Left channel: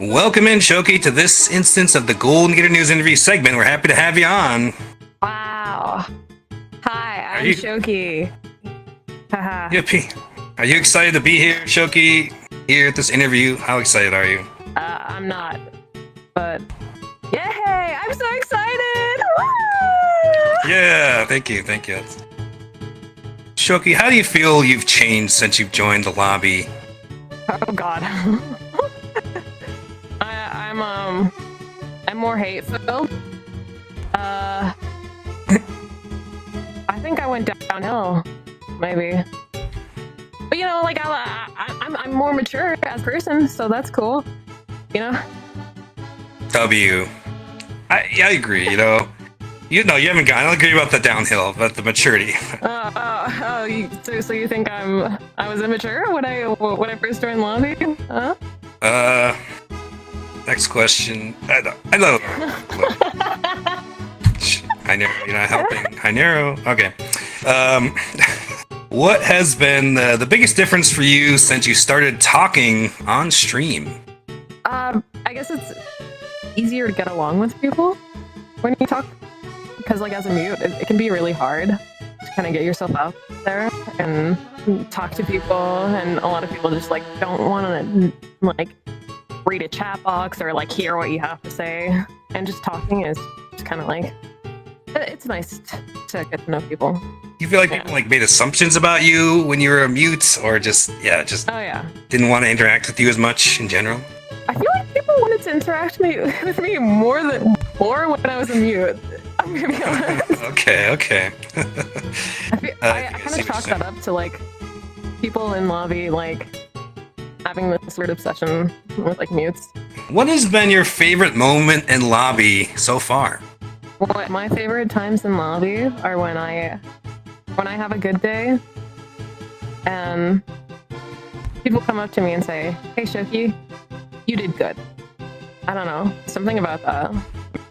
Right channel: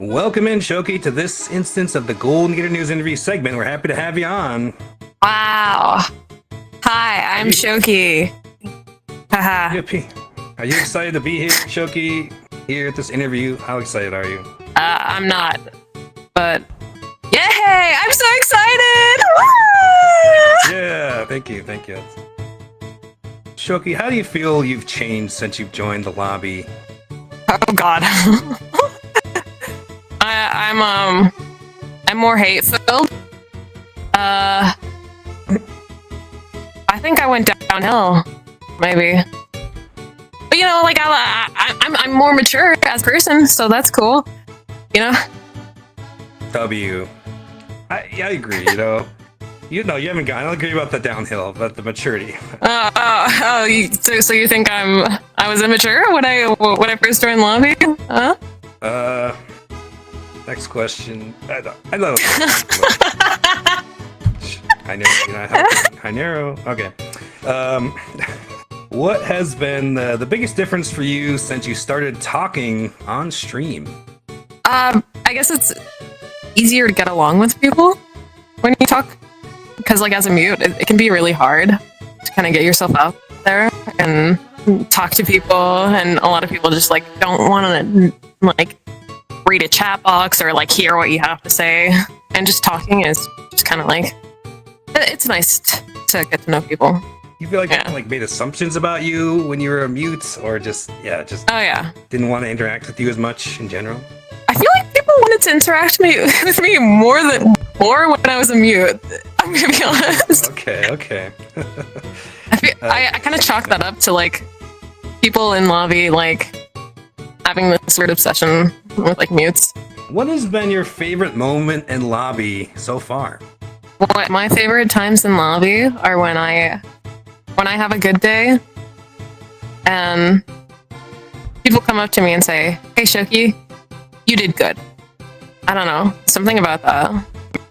Welcome in, Shokie, to this instance of the Golden Gator News interview segment. We're happy to have you on. Wow. Hi, I'm Shokie. Haha. Yippee. Are you excited to be here, Shokie, here at this interview? How excited are you? I'm not, but yay! I'm so excited! Woo! Yeah, thank you. Shokie, how do you feel you've changed since you've joined the lobby? Oh God. I'm more hate-filled. I think I went downhill, maybe. But you know, like I'm more mature as a person, so that's cool. You know. I agree. You haven't gone. I don't agree about the downhill, but the maturity. So you think I was immature when I first joined lobby? Huh? Next question. I know. I know you're not helping. I narrow. Okay. What has been the biggest difference for you since you started talking on stream? I guess it's easier to get along with people when you talk, because like as a mute, it can be really hard to kind of get yourself out there and talk to people, and a lot of people just like don't want to like read a chat box or like hear what you have to say, and just talking is just kind of like it's nice to get to know people. You feel like people like made assumptions about you when you were a mute, or just didn't want to interact with you as much in general? I feel like people wanted to interact with me more when I was a mute. I'm gonna be honest. Okay. I kind of chalk that up to like people in lobby like having this weird obsession with like mutes. What has been your favorite moment in lobby so far? What my favorite times in lobby are when I have a good day and people come up to me and say, "Hey Shokie, you did good." I don't know, something about that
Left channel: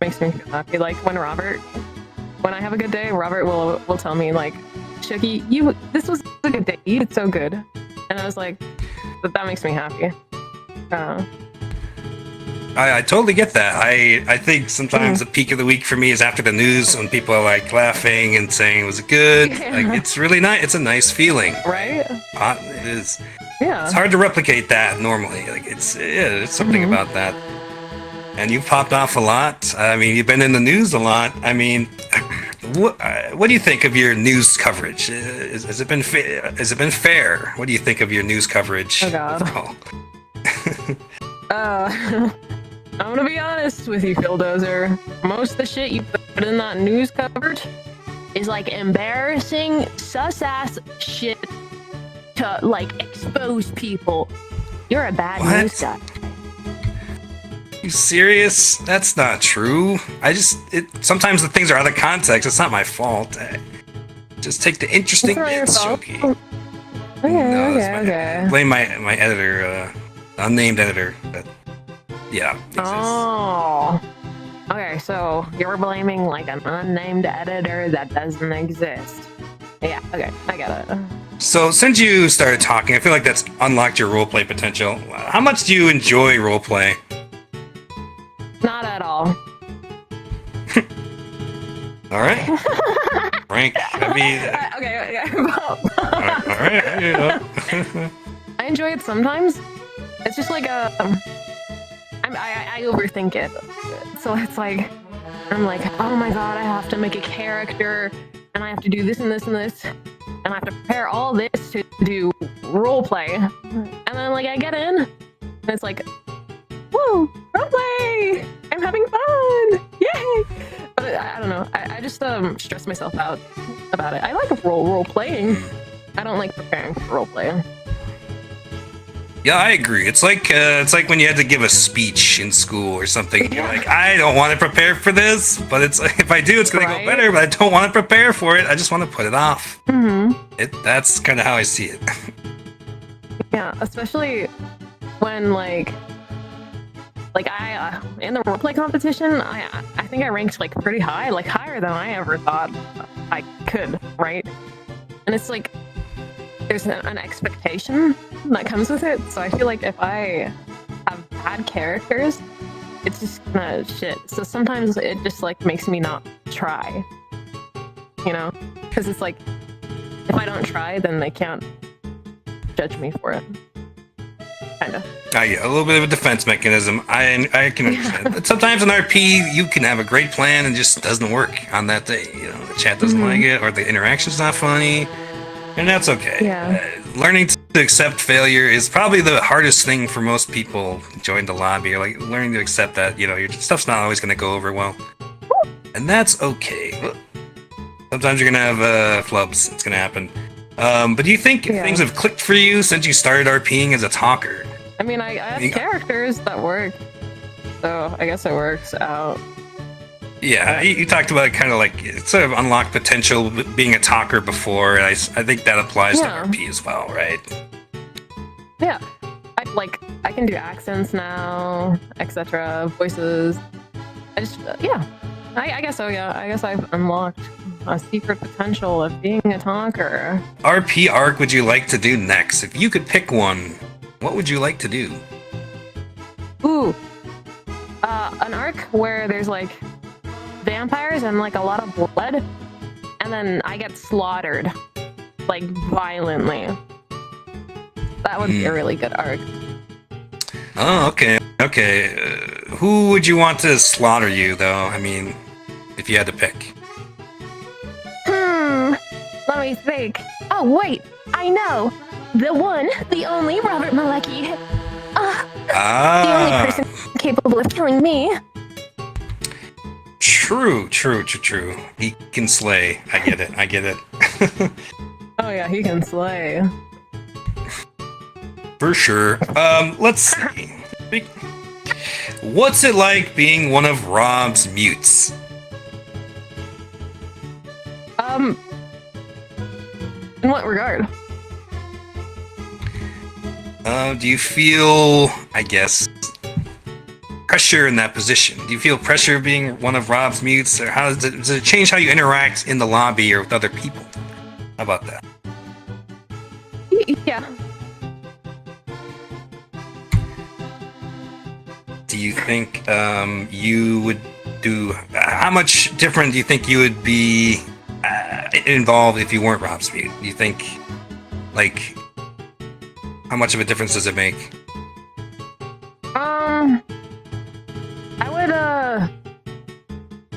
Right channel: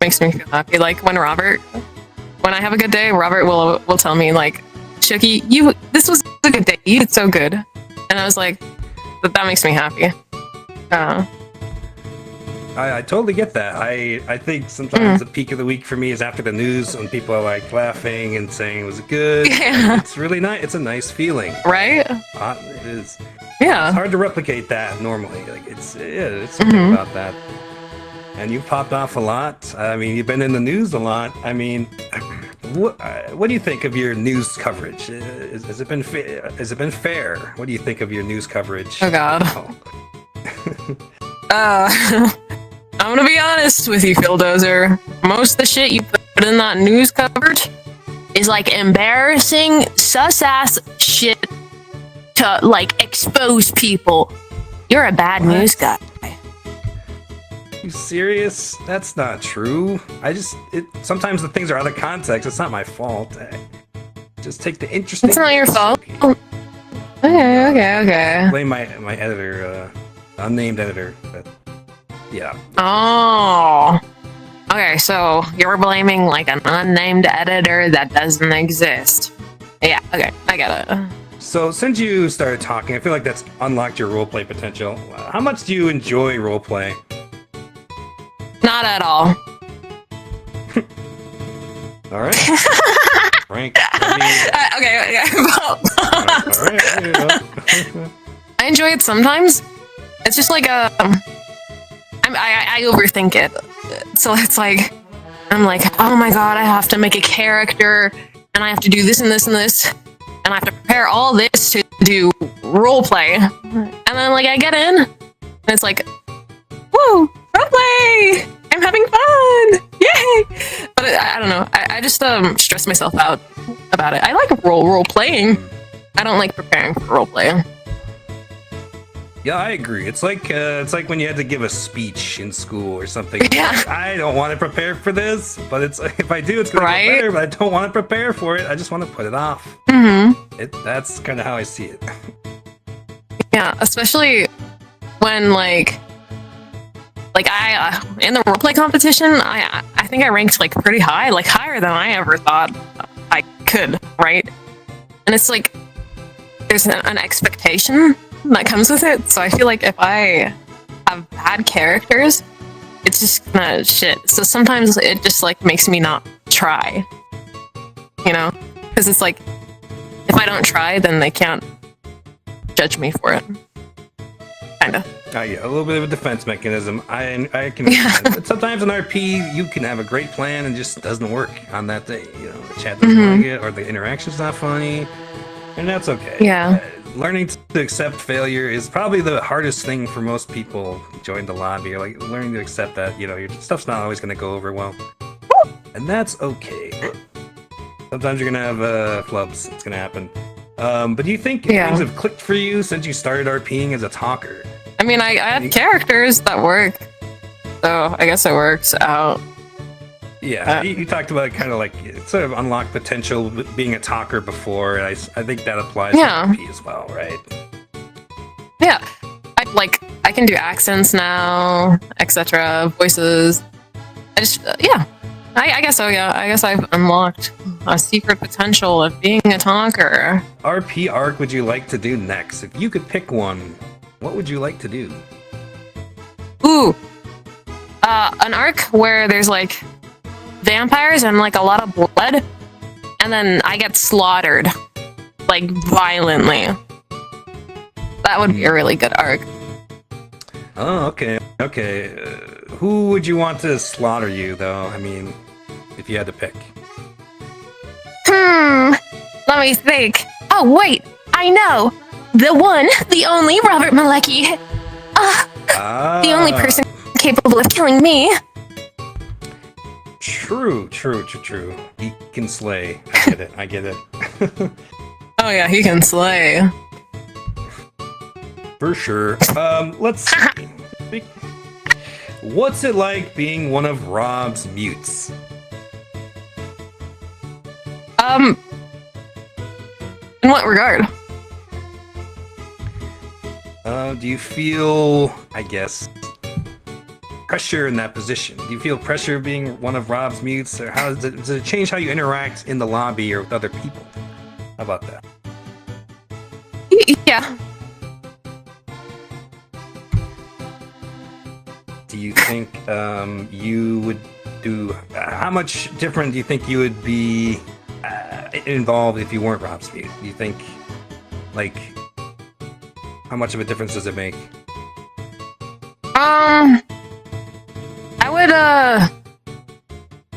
makes me feel happy. Like when I have a good day, Robert will tell me like, "Shokie, this was a good day. You did so good," and I was like, that makes me happy. I totally get that. I think sometimes the peak of the week for me is after the news when people are like laughing and saying it was good. Yeah. Like, it's really nice. It's a nice feeling, right? It is. Yeah. It's hard to replicate that normally. Like it's something about that. And you've popped off a lot. I mean, you've been in the news a lot. I mean, what do you think of your news coverage? Has it been fair? What do you think of your news coverage? Oh God. I'm gonna be honest with you, Phildozer. Most of the shit you put in that news coverage is like embarrassing, sus-ass shit to like expose people. You're a bad news guy. You serious? That's not true. Sometimes the things are out of context. It's not my fault. Just take the interesting. It's not your fault. Shokie. Okay. Blame my editor, unnamed editor. But yeah. Oh. Okay, so you're blaming like an unnamed editor that doesn't exist. Yeah. Okay, I get it. So since you started talking, I feel like that's unlocked your roleplay potential. How much do you enjoy roleplay? Not at all. All right. Frank, okay. All right. I enjoy it sometimes. It's just like I overthink it. So it's like I'm like, oh my God, I have to make a character, and I have to do this and this and this, and I have to prepare all this to do roleplay, and then like I get in, and it's like, whoa, roleplay! I'm having fun! Yay! But I don't know. I just stress myself out about it. I like role playing. I don't like preparing for role play. Yeah, I agree. It's like when you had to give a speech in school or something. Yeah. Like, I don't want to prepare for this, but it's like, if I do, it's gonna go better. But I don't want to prepare for it. I just want to put it off. That's kind of how I see it. Yeah, especially when like I in the roleplay competition, I think I ranked like pretty high, like higher than I ever thought I could, right? And it's like there's an expectation that comes with it. So I feel like if I have had add characters, it's just kind of shit. So sometimes it just like makes me not try, you know, because it's like if I don't try, then they can't judge me for it. Kind of. Yeah, a little bit of a defense mechanism. I can understand. But sometimes in RP, you can have a great plan and just doesn't work on that day. You know, the chat doesn't like it, or the interaction's not funny, and that's okay. Yeah. Learning to accept failure is probably the hardest thing for most people join the lobby. Or like learning to accept that, you know, your stuff's not always going to go over well, and that's okay. Sometimes you're gonna have flubs. It's gonna happen. But do you think things have clicked for you since you started RPing as a talker? I mean, I have characters that work, so I guess it works out. Yeah, you talked about kind of like sort of unlocked potential being a talker before, and I think that applies to RP as well, right? Yeah, I can do accents now, etc., voices. I just I guess so. Yeah, I guess I've unlocked a secret potential of being a talker. RP arc would you like to do next? If you could pick one, what would you like to do? Ooh, an arc where there's like vampires and like a lot of blood, and then I get slaughtered like violently. That would be a really good arc. Oh, okay. Who would you want to slaughter you, though? I mean, if you had to pick. Let me think. Oh, wait. I know. The one, the only Robert Malecki. The only person capable of killing me. True. He can slay. I get it. Oh, yeah, he can slay. For sure. Let's see. What's it like being one of Rob's mutes? In what regard? Do you feel, I guess, pressure in that position? Do you feel pressure being one of Rob's mutes, or how does it change how you interact in the lobby or with other people? How about that? Yeah. Do you think you would do? How much different do you think you would be involved if you weren't Rob's mute? Do you think, like, how much of a difference does it make?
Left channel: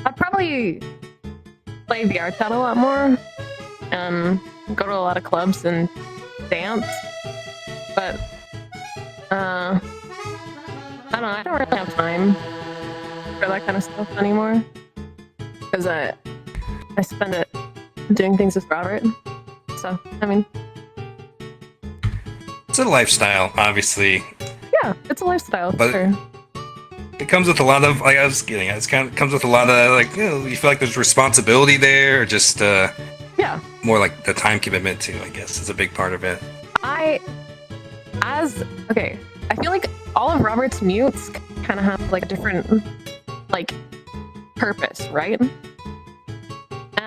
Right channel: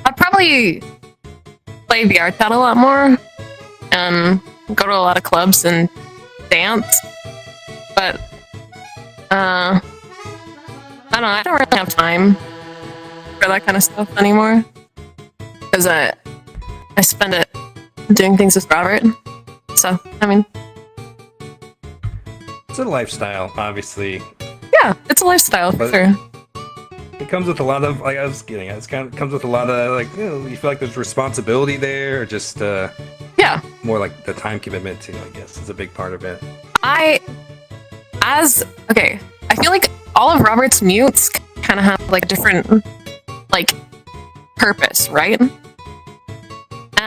I'd probably play VRCHAT a lot more, and go to a lot of clubs and dance. But I don't know. I don't really have time for that kind of stuff anymore, because I spend it doing things with Robert. So I mean, it's a lifestyle, obviously. Yeah, it's a lifestyle, but for sure. It comes with a lot of, like I was getting at, it comes with a lot of, like, you know, you feel like there's responsibility there, or just more like the time commitment too, I guess, is a big part of it. I feel like all of Robert's mutes kind of have like a different like purpose, right?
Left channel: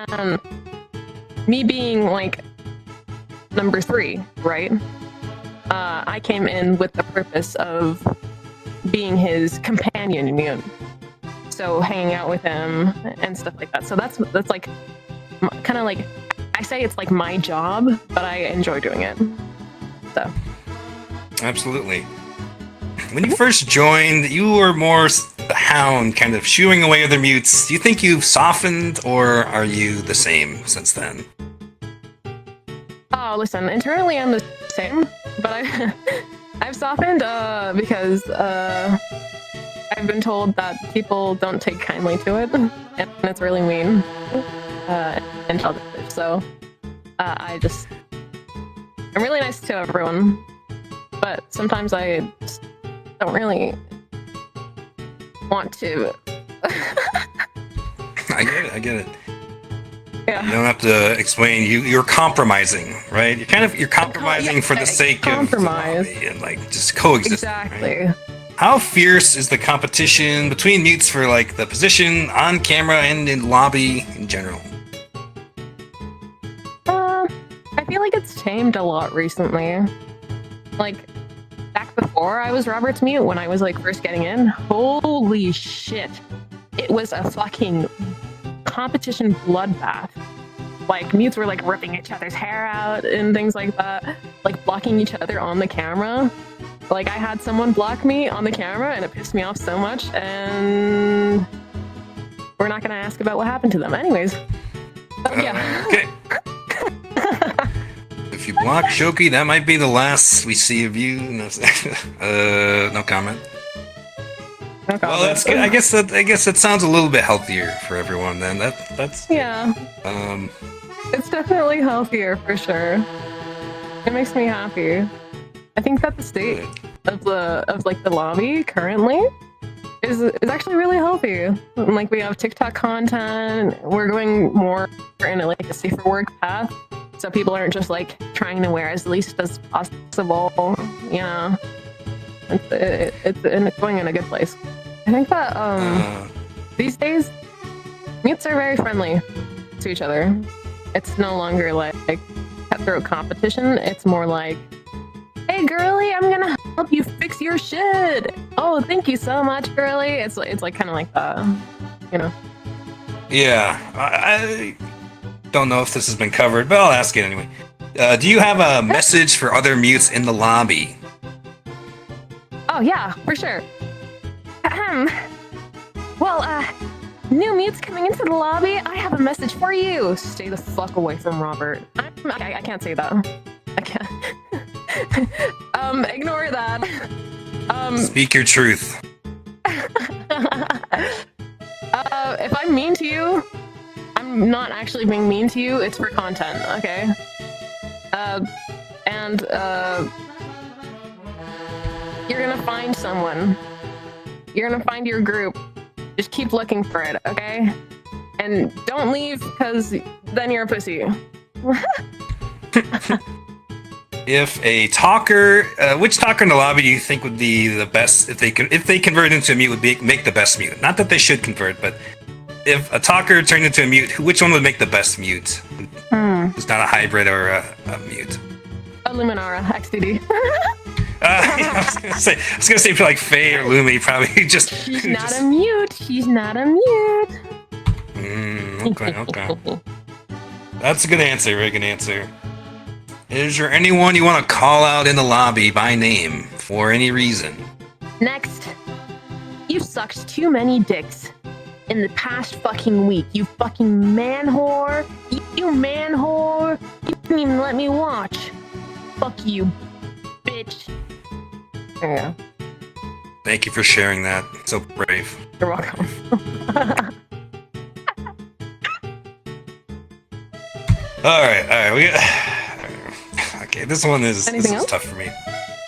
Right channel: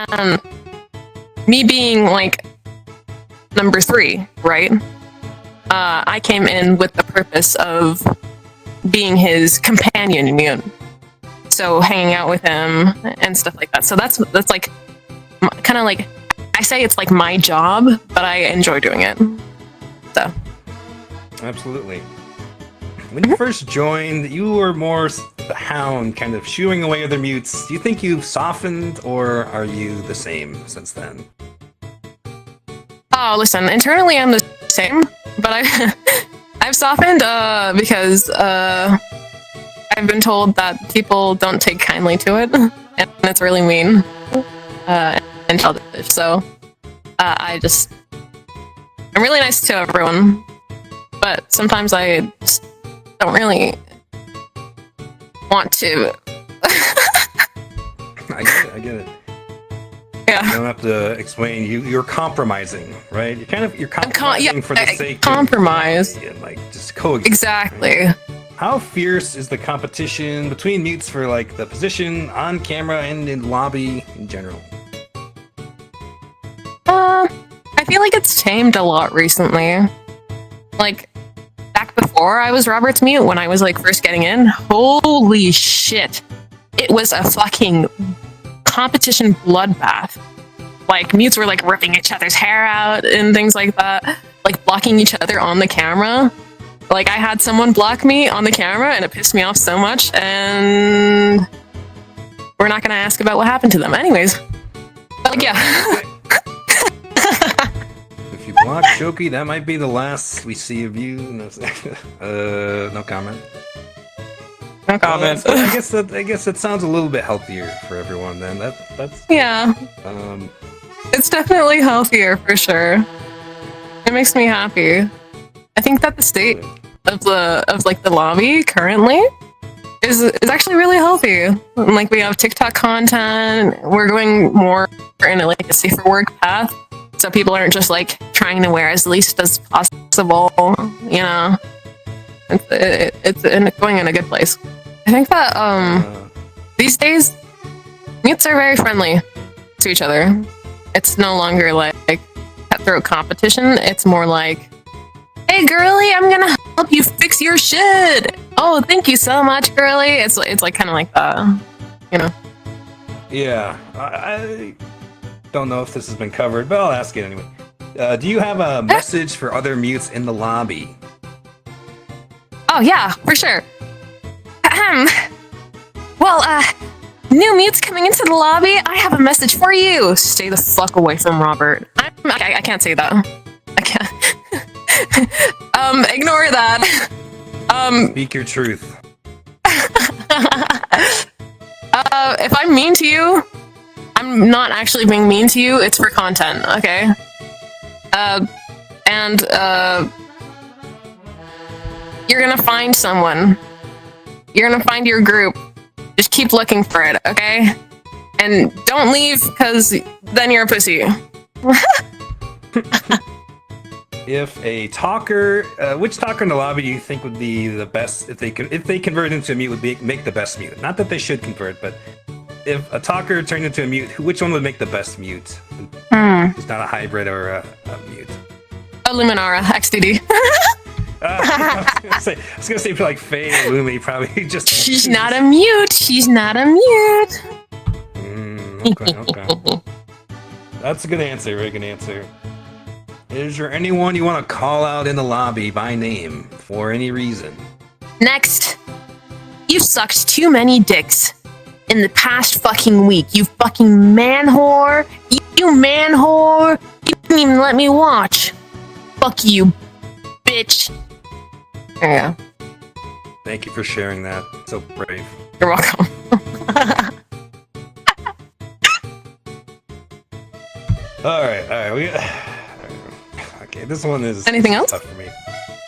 And me being like number 3, right? I came in with the purpose of being his companion mute, so hanging out with him and stuff like that. So that's like kind of like, I say it's like my job, but I enjoy doing it. So absolutely. When you first joined, you were more the hound, kind of shooing away other mutes. Do you think you've softened, or are you the same since then? Oh, listen, internally I'm the same, but I've softened because I've been told that people don't take kindly to it, and it's really mean and childish. So I'm really nice to everyone, but sometimes I just don't really want to. I get it. Yeah. You don't have to explain. You're compromising, right? You're compromising for the sake compromise of and like just coexist. Exactly. Right? How fierce is the competition between mutes for like the position on camera and in lobby in general? I feel like it's tamed a lot recently. Like back back before I was Robert's mute, when I was like first getting in, holy shit. It was a fucking competition bloodbath. Like, mutes were like ripping each other's hair out and things like that, like blocking each other on the camera. Like, I had someone block me on the camera and it pissed me off so much, and we're not gonna ask about what happened to them. Anyways. But yeah. If you block Shokie, that might be the last we see of you. No comment. No comment. Well, I guess that sounds a little bit healthier for everyone. Then that's yeah. It's definitely healthier for sure. It makes me happy. I think that the state of the lobby currently is actually really healthy. Like, we have TikTok content. We're going more in like a safer work path. So people aren't just like trying to wear as least as possible, you know. It's going in a good place. I think that these days mutes are very friendly to each other. It's no longer like cutthroat competition. It's more like, hey girly, I'm gonna help you fix your shit. Oh, thank you so much, girly. It's like kind of like that, you know. Yeah, I don't know if this has been covered, but I'll ask it anyway. Do you have a message for other mutes in the lobby? Oh yeah, for sure. Well, new mutes coming into the lobby. I have a message for you. Stay the fuck away from Robert. I can't say that. I can't. Ignore that. Speak your truth. If I'm mean to you, I'm not actually being mean to you. It's for content, okay? And you're gonna find someone. You're gonna find your group. Just keep looking for it, okay? And don't leave, because then you're a pussy. If a talker, which talker in the lobby do you think would be the best if they convert into a mute would make the best mute? Not that they should convert, but if a talker turned into a mute, which one would make the best mute? Who's not a hybrid or a mute? Luminara, XDD. I was gonna say like Faye or Lumi, probably just. She's not a mute. She's not a mute. Okay. That's a good answer. Very good answer. Is there anyone you want to call out in the lobby by name for any reason? Next. You sucked too many dicks in the past fucking week. You fucking man whore. You man whore. You didn't even let me watch. Fuck you, bitch. There you go. Thank you for sharing that. So brave. You're welcome. All right. Okay, this one is Anything else? Tough for me.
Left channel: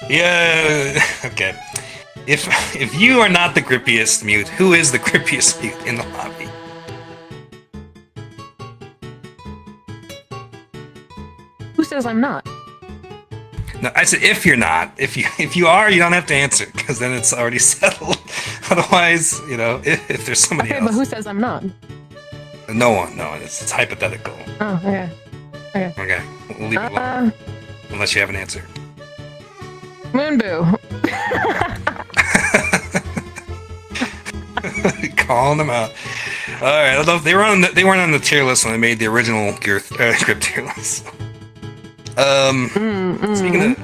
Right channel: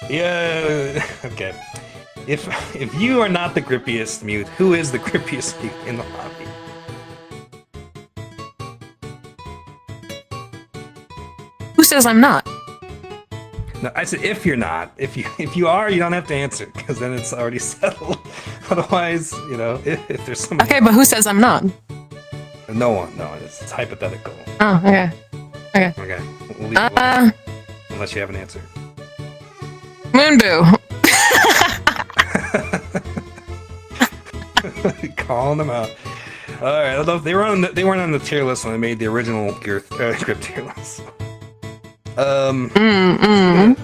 Yeah. Okay. If you are not the grippiest mute, who is the grippiest mute in the lobby? Who says I'm not? No, I said if you're not. If you are, you don't have to answer because then it's already settled. Otherwise, you know, if there's somebody. Okay, else. but who says I'm not? No one. No, it's hypothetical. Oh, okay. Okay. We'll leave it alone, unless you have an answer. Moonboo. Calling them out. All right. Although they weren't on the tier list when I made the original script tier list.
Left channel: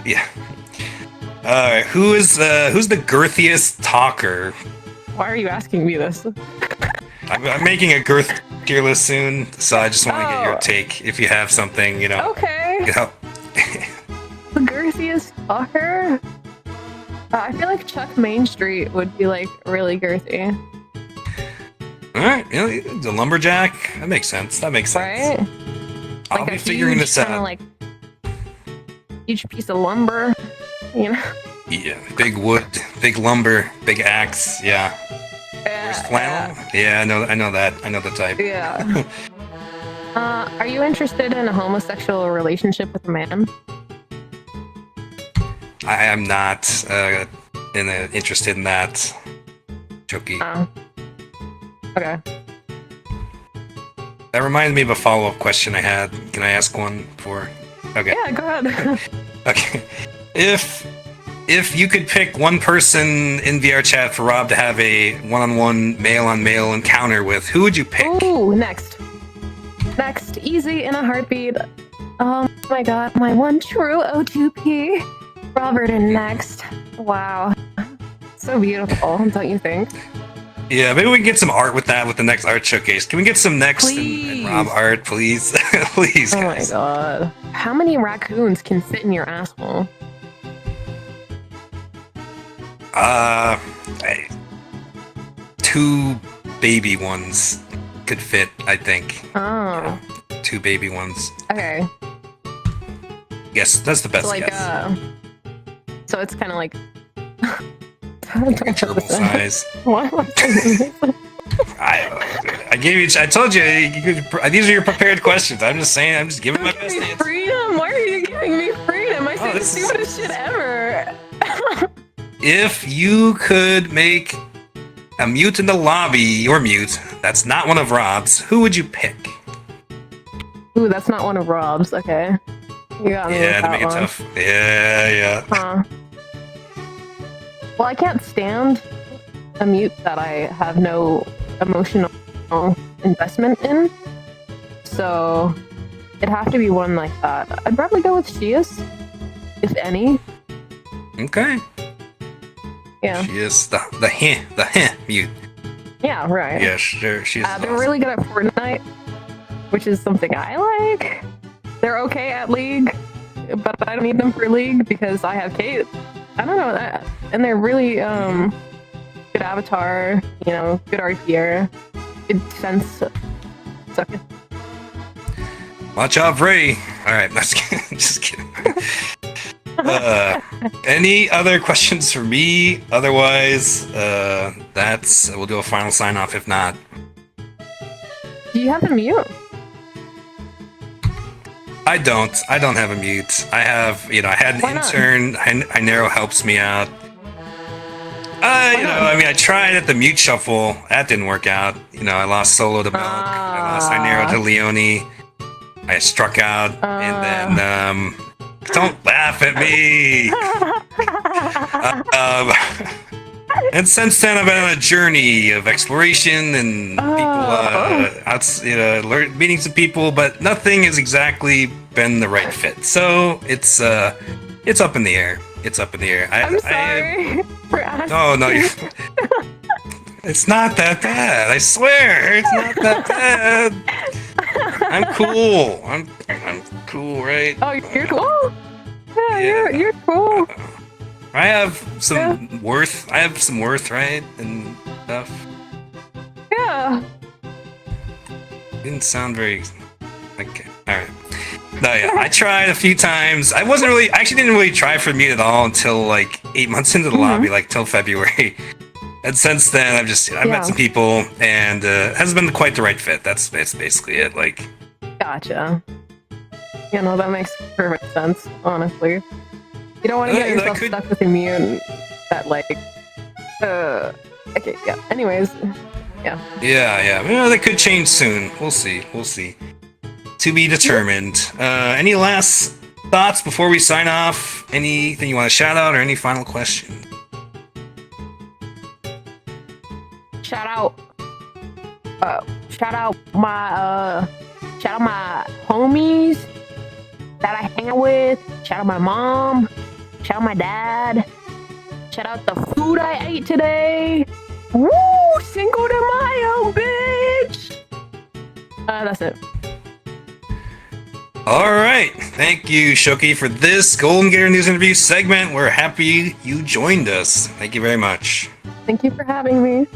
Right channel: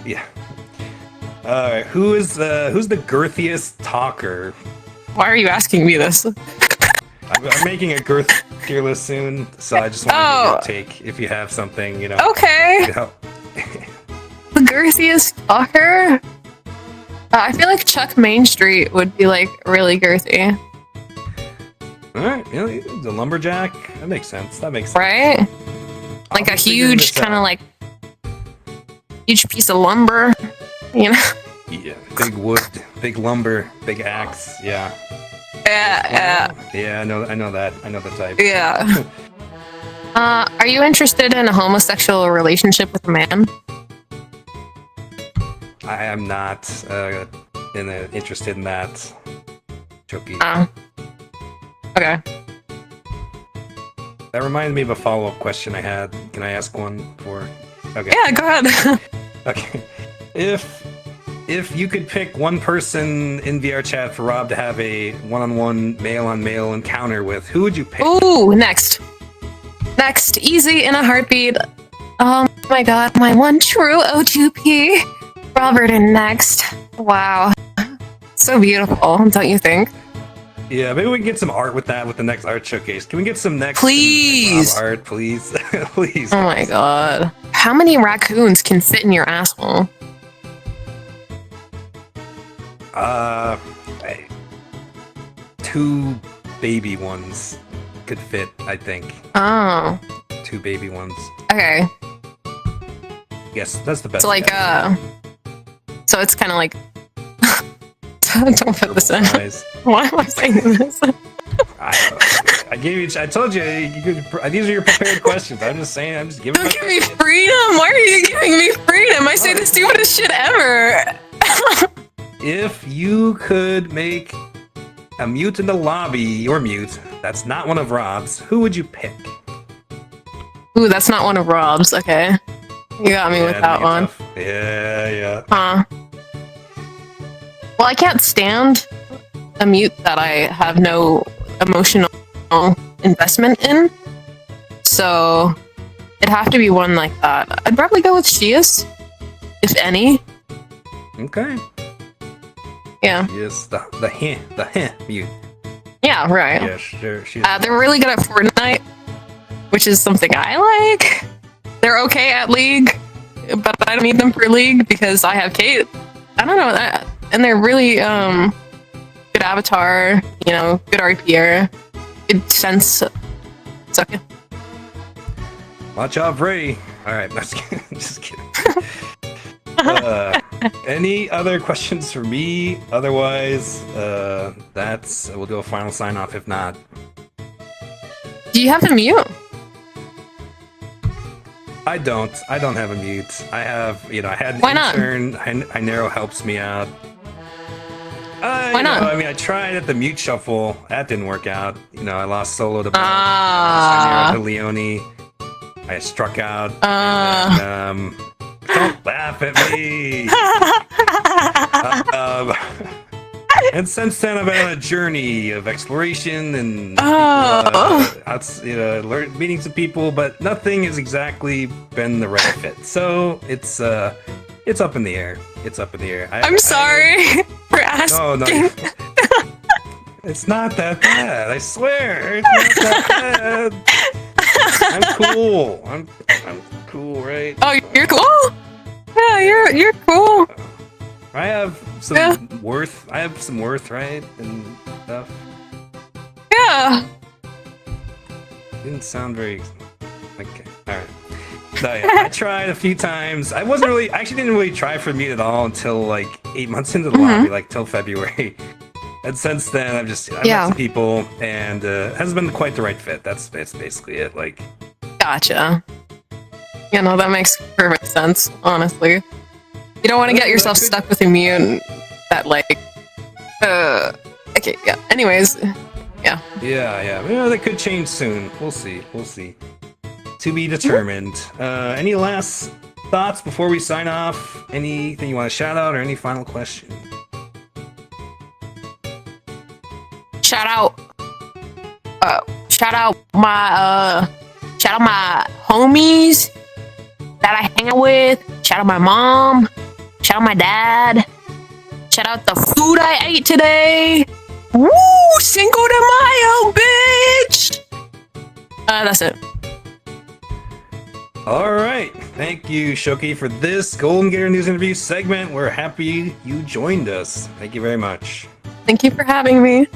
Yeah. All right. Who's the girthiest talker? Why are you asking me this? I'm making a girth tier list soon, so I just want to get your take. If you have something, you know. Okay. You know. The girthiest talker? I feel like Chuck Main Street would be like really girthy. All right. You know, the lumberjack. That makes sense. Right? Like a huge kind of like huge piece of lumber, you know? Yeah, big wood, big lumber, big axe. Yeah. Yeah, I know that. I know the type. Yeah. Are you interested in a homosexual relationship with a man? I am not interested in that. Shokie. Okay. That reminds me of a follow-up question I had. Can I ask one for? Okay. Yeah, go ahead. Okay. If if you could pick one person in VR chat for Rob to have a one-on-one male-on-male encounter with, who would you pick? Ooh, next. Next, easy in a heartbeat. Oh my god, my one true O2P. Robert in next. Wow. So beautiful, don't you think? Yeah, maybe we can get some art with that with the next art showcase. Can we get some next Please. Rob art, please? Please. Oh my god. How many raccoons can fit in your asshole? Two baby ones could fit, I think. Oh. Two baby ones. Okay. Yes, that's the best. So like, guess. So it's kind of like. Don't put this in. Size. Why am I saying this? I gave you. I told you. These are your prepared questions. I'm just saying. I'm just giving. Don't give me freedom. Why are you giving me freedom? I say the stupidest shit ever. If you could make a mute in the lobby, your mute, that's not one of Rob's, who would you pick? Ooh, that's not one of Rob's. Okay. You got me with that one. Tough. Yeah. Huh. Well, I can't stand a mute that I have no emotional investment in. So it'd have to be one like that. I'd probably go with Shias, if any. Okay. Yeah. She is the heh mute. Yeah, right. Yeah, sure. She's they're really good at Fortnite, which is something I like. They're okay at League, but I don't need them for League because I have Kate. I don't know that. And they're really good avatar, you know, good RPR, good sense. It's okay. Watch out, Ray. All right, just kidding. Any other questions for me? Otherwise, we'll do a final sign off. If not, do you have a mute? I don't have a mute. I have, I had an Why not? intern. Hynero helps me out. Why not? I mean, I tried at the mute shuffle. That didn't work out. I lost Solo to Milk. I lost Hynero to Leone. I struck out, and then don't laugh at me. And since then, I've been on a journey of exploration and meeting some people, but nothing has exactly been the right fit. So it's up in the air. It's up in the air. I'm sorry for asking. Oh no, it's not that bad. I swear, it's not that bad. I'm cool. I'm cool, right? Oh, you're cool. Yeah, you're cool. I have some worth. I have some worth, right, and stuff. Yeah. Didn't sound very. Okay. All right. No, yeah. I tried a few times. I actually didn't really try for me at all until like 8 months into the lobby, like till February. And since then, I've met some people, and hasn't been quite the right fit. That's basically it. Like. Gotcha. Yeah, no, that makes perfect sense. Honestly, you don't want to get yourself stuck with a mute that like. Okay. Yeah. Anyways. Yeah. Yeah. Well, that could change soon. We'll see. To be determined. Any last thoughts before we sign off? Anything you want to shout out or any final question? Shout out my homies that I hang out with. Shout out my mom. Shout out my dad. Shout out the food I ate today. Woo! Cinco de Mayo, bitch! That's it. All right. Thank you, Shokie, for this Golden Gator News interview segment. We're happy you joined us. Thank you very much. Thank you for having me.